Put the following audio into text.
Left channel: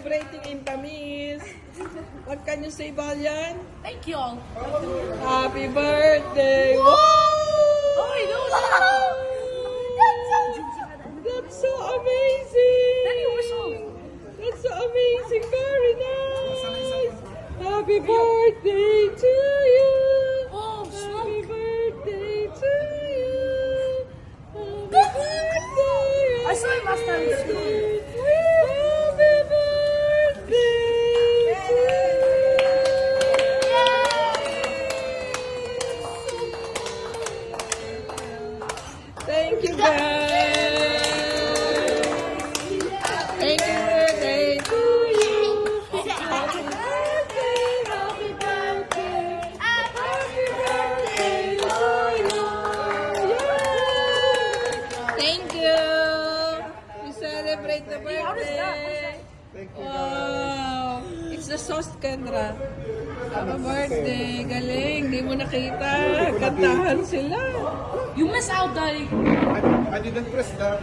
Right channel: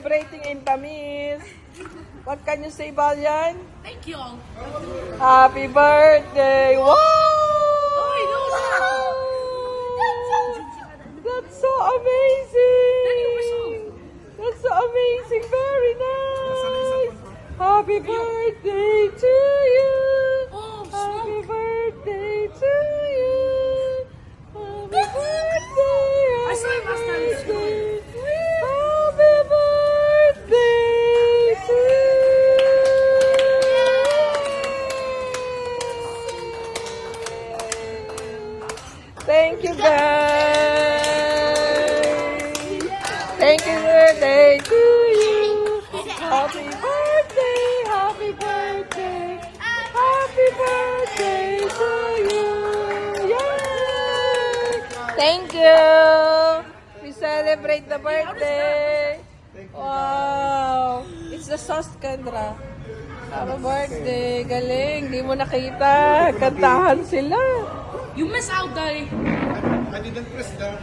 celebrating in Tamis. What can you say, Balyan? Thank you all. Happy birthday! Wow! Oh, I know that. That's so amazing! Daddy, where's all? That's so amazing! Very nice! Happy birthday to you! Oh, Happy smoke. birthday to you! Happy birthday! I saw him last time in school. Happy birthday to you! Thank you, guys! Thank you, birthday to you! Happy birthday! Happy birthday! Happy birthday to you! Yay! Thank you! We celebrate the birthday! Wow! It's the sauce, Kendra. Happy birthday! Galing! Di mo nakita. Kantahan sila. You miss out, Daddy. I didn't press the